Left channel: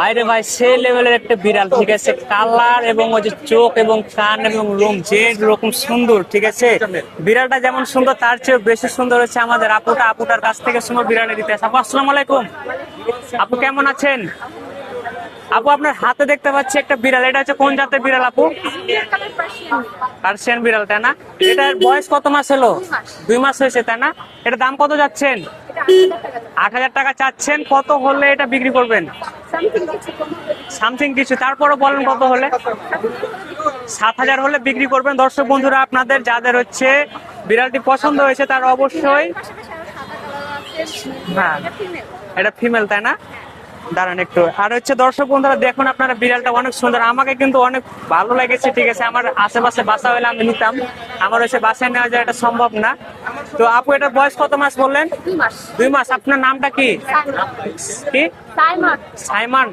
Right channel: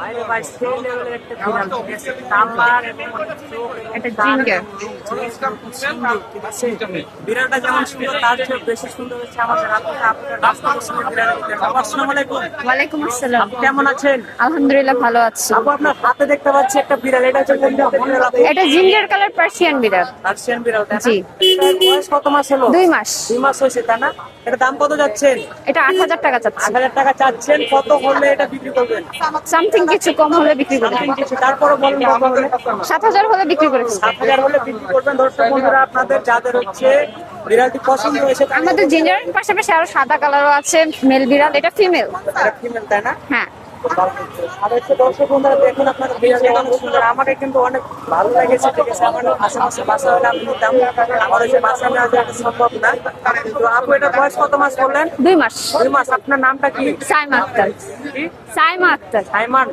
বাইরে ভাই সে লেভেলের একটা বিড়াল, ঠিক আছে। কালার এবং ওই যে চোখ এবং কান এবং লোম যে রকম সুন্দর, ঠিক আছে। বিড়ালটা যেমন সুন্দর তার চেয়ে বেশি সুন্দর হচ্ছে আমাদের আপুটার কাছ থেকে শুনো বিড়ালের ইতিহাস। আপু আসসালামু আলাইকুম। ওয়ালাইকুম আসসালাম। আপু কেমন আছেন? আলহামদুলিল্লাহ ভালো আছি। আপু আপনার হাতে দেখতে পাচ্ছি একটা বিড়াল, এটা হচ্ছে কোন জাতের বিড়াল আপু? এটা জিঞ্জার কালার পার্সিয়ান বিড়াল। পার্সিয়ান বিড়াল, তাই না? জি। এটার বয়স কত মাস হলো? 2 মাস। 2 মাস হয়েছে, তাই না? এটা দাম কত যাচ্ছেন? এটা 8,000 টাকা চাচ্ছি। 8,000 টাকা চাচ্ছেন। কত হলে এটা বিক্রি করবেন? সামথিং কিছু কম হলে বিক্রি করব। সামথিং কিছু, তারপরও বলেন কত হলে? 7,000 হলে বিক্রি করে। 7,000 হলে বিক্রি করবেন। দর্শক বন্ধুরা, আপনাদের যাদের হচ্ছে বিড়ালটি পছন্দ হয়েছে তারা আমাদের জিঞ্জার অবশ্যই। পাশাপাশি আরো সাদা কালারও আছে মেল বিড়াল, হ্যাঁ। এটা ফিমেল। এটা ফিমেল, তাই না? হ্যাঁ। দাঁড়ান একটু। আর হচ্ছে দর্শক বন্ধুরা দেখুন, আপনারা বিড়ালটা অনেক সুন্দর, আমাকে কিন্তু অনেক ভালো লেগেছে, ঠিক আছে। আমার আশেপাশে বাসা হলে আমি নিতাম, আমার হচ্ছে বাসায় নেওয়া যায় এটা সম্ভব না। তো আপু এটার বয়স কত মাস বললেন? 2 মাস। 2 মাস। আপনার নামটা কি? সাইমা আক্তার। কি? সাইমা আক্তার। সাইমান।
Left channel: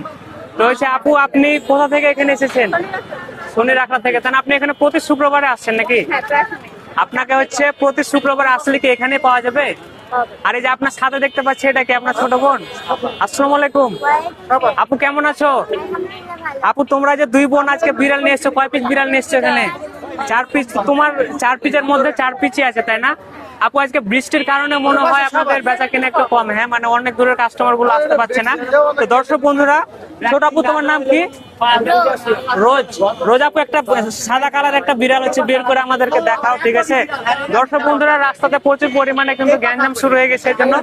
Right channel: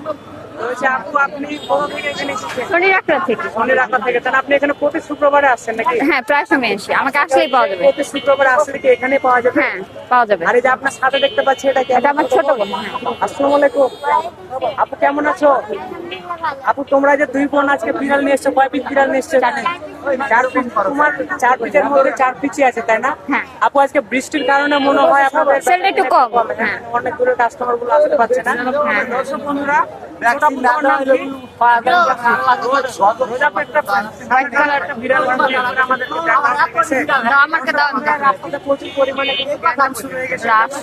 তো হচ্ছে আপু আপনি কোথা থেকে এখানে এসেছেন? শনির আক্তার থেকে। শনির আখড়া থেকে, তাহলে আপনি এখানে প্রতি শুক্রবারে আসছেন নাকি? হ্যাঁ, প্রায় সময় আসি। আমাকে আপনাকে আসলেই হচ্ছে পাওয়া যাবে। প্রতি শুক্রবারে আসলে কি এখানে পাওয়া যাবে? হ্যাঁ, পাওয়া যাবে। আর এই যে আপনার সাথে দেখতে পাচ্ছি, এটা কি আপনার এটা ছোট আমার বোন? ছোট বোন। আসসালামু আলাইকুম। আপু কেমন আছো? আলহামদুলিল্লাহ ভালো। আপু তোমরা যে দুই বোন আজকে বিড়াল নিয়ে এসছো, কয় পিস বিড়াল নিয়ে এসছো এখানে? 4 পিস। তোমার 4 পিসের মধ্যে 4 পিসই আছে, তাই না? হ্যাঁ। আপু আজকে বৃষ্টির কারণে মনে হয় আপনাদের বেচা কেনা একটু কম, হ্যাঁ, মানে অনেক দূরের কাস্টমার গুলো আসতে পারছে না। তো দর্শক বন্ধুরা, ছোট আপু তোমার নাম কি? রোজ। রোজ আপু একটা সাদা কালার একটা বিড়াল আছে, বের করে আমাদেরকে দেখাও, ঠিক আছে। দর্শক বন্ধুরা, রাস্তাতে প্রচুর পরিমাণে কিন্তু গ্যাঞ্জাম শুরু হয়ে গেছে, এই জন্য।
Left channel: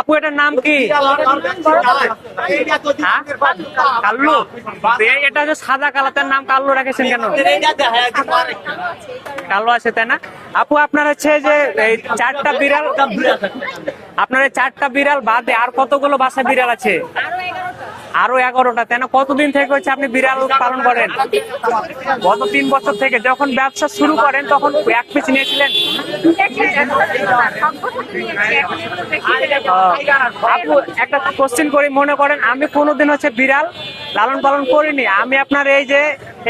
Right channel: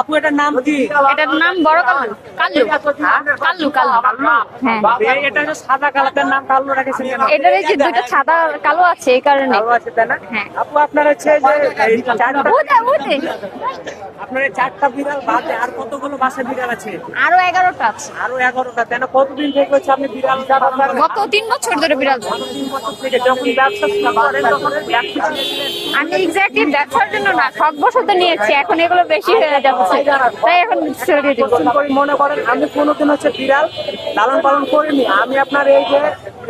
আপু এটার নাম কি? এটার নাম বড় কালার কাল্লু। হ্যাঁ? কাল্লু কাল্লু। কাল্লু? হ্যাঁ। এটা যে সাদা কালার, তার নাম কাল্লু রাখেছেন কেন? এটা এই যে দুটো সাদা কালো আছে এই কারণে। কালো আছে, তাই না? হ্যাঁ। আপু আপনার হচ্ছে যে এই 4টা বিড়াল, আপনার এই 4টা বিড়াল বাদে আর কতগুলো বাসা বিড়াল আছে? আরো 11টা আছে। আরো 11টা, তাই না? কতদিন থেকে হচ্ছে আপনি বিড়াল পালন করেন? গত 3 বছর ধরে বিড়াল। গত 3 বছর থেকে। যখন ব্যবসা শুরু করেন তখন 1 পিস নিয়েছিলেন? আমি এক্স্যাক্টলি ব্যবসার জন্য না, শখ বশত নিয়েছি। এখন এগুলো বেশি হয়ে যাচ্ছে, তাই এখন একটা কোশ্চেন করি, মনে করেন আমি কোনোদিন হচ্ছে বিড়াল লালন পালন করিনি, আমি আপনার এই যে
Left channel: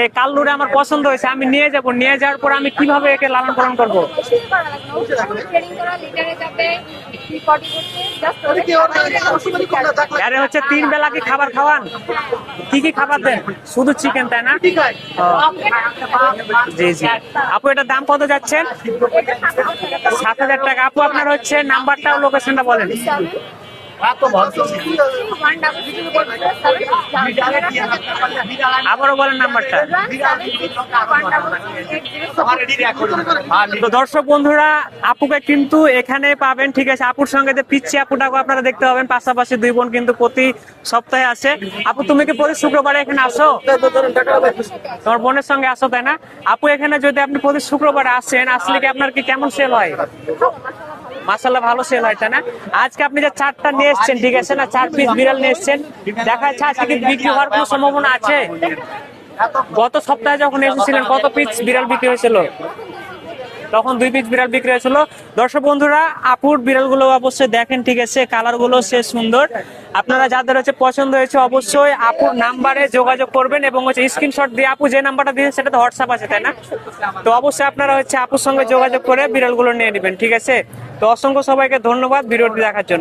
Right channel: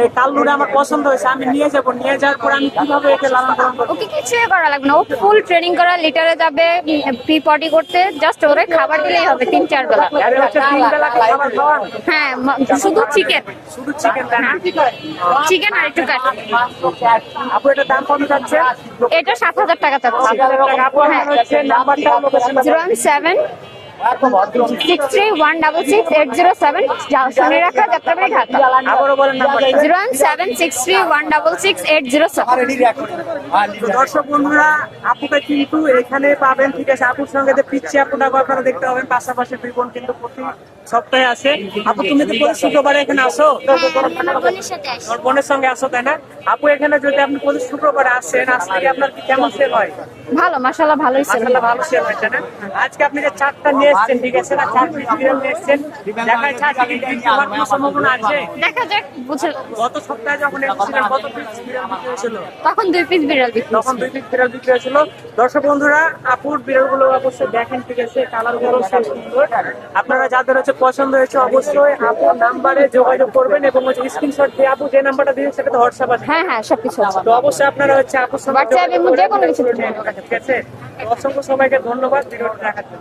এই কাল্লুটা আমার পছন্দ হয়েছে, আমি নিয়ে যাবো, নিয়ে যাওয়ার পর আমি কিভাবে একে লালন পালন করবো? কিছুই করা লাগবে না, ও ফুল ট্রেনিং করা, লিটারে যাবে, পি পটি করতে, জাস্ট ওরে খাবার দিলেই হবে 3-4 বেলা। আরে হচ্ছে 3 বেলা কি খাবার খাওয়ান? হ্যাঁ, কি কি শুধু খাবার চিকেন। দেন? শুধু চিকেন, তাই না? চিকেন আর একটু কারি। জি জি। আপু এটার দাম কত যাচ্ছেন? এটা 7,000 টাকা চাচ্ছি। 7,000 টাকা। আপু আপনার হচ্ছে নাম্বারটা, লোকেশনটা বলেন। 01763166807 শনির আখড়া, যাত্রাবাড়ি, ঢাকা। আবারও বলেন নাম্বারটা। 01763166807। তো দর্শক বন্ধুরা, আপুকে কিন্তু এখানে পাবেন, ঠিক আছে। আপুর সঙ্গে যে পিচ্ছি আপুটাকে আপনারা দেখতে পাবেন, পাশাপাশি দুই বোন কিন্তু প্রতি সপ্তাহে আসে। আপু তুমি কি প্রতি শুক্রবারে এখানে আসো? তোমার বোনের সঙ্গে আসো, তাই না? আপু এখানে যদি আপনি প্রতি শুক্রবারে আসেন, আসলে কি আপনার কি কেমন সেল হয়? ভালো, মাশাআল্লাহ ভালোই ছিল। মাশাআল্লাহ ভালো সেল হয়, তাই না? আজকে আপনি যে 4টা নিয়ে এসেছেন, ঠিক আছে না, 4 পিস বিড়াল নিয়ে এসেছেন, দেখা যাচ্ছে আজকে কি বিক্রি হওয়ার কোনো সম্ভাবনা আছে? দেখা যাক, বুঝে। গত সপ্তাহে যখন এসেছিলেন কত পিস বিড়াল বিক্রি হয়েছিল? তখন 2 পিস বিড়াল বিক্রি। তখন 2 পিস বিড়াল বিক্রি হয়েছিল। দর্শক বন্ধুরা, আপুর বিড়াল গুলো অবশ্যই দেখেন, ঠিক আছে, কালার গুলো সে সুন্দর। আপনারা যাদের হচ্ছে পছন্দ হয়েছে অবশ্যই আপুর নাম্বারে যোগাযোগ করবেন এবং হচ্ছে স্ক্রিনশট দিয়ে, আপু যে নাম্বারটা দিয়েছেন সেটা তো হোয়াটসঅ্যাপ আছে, তাই হ্যাঁ না? হ্যাঁ, সবকিছু আছে। তো অবশ্যই আপনারা হচ্ছে আপুর সঙ্গে যোগাযোগ করে বিড়াল গুলো নিয়ে নেবেন, ঠিক আছে। তো অসংখ্য সবাইকে ধন্যবাদ ভিডিওটি দেখার জন্য।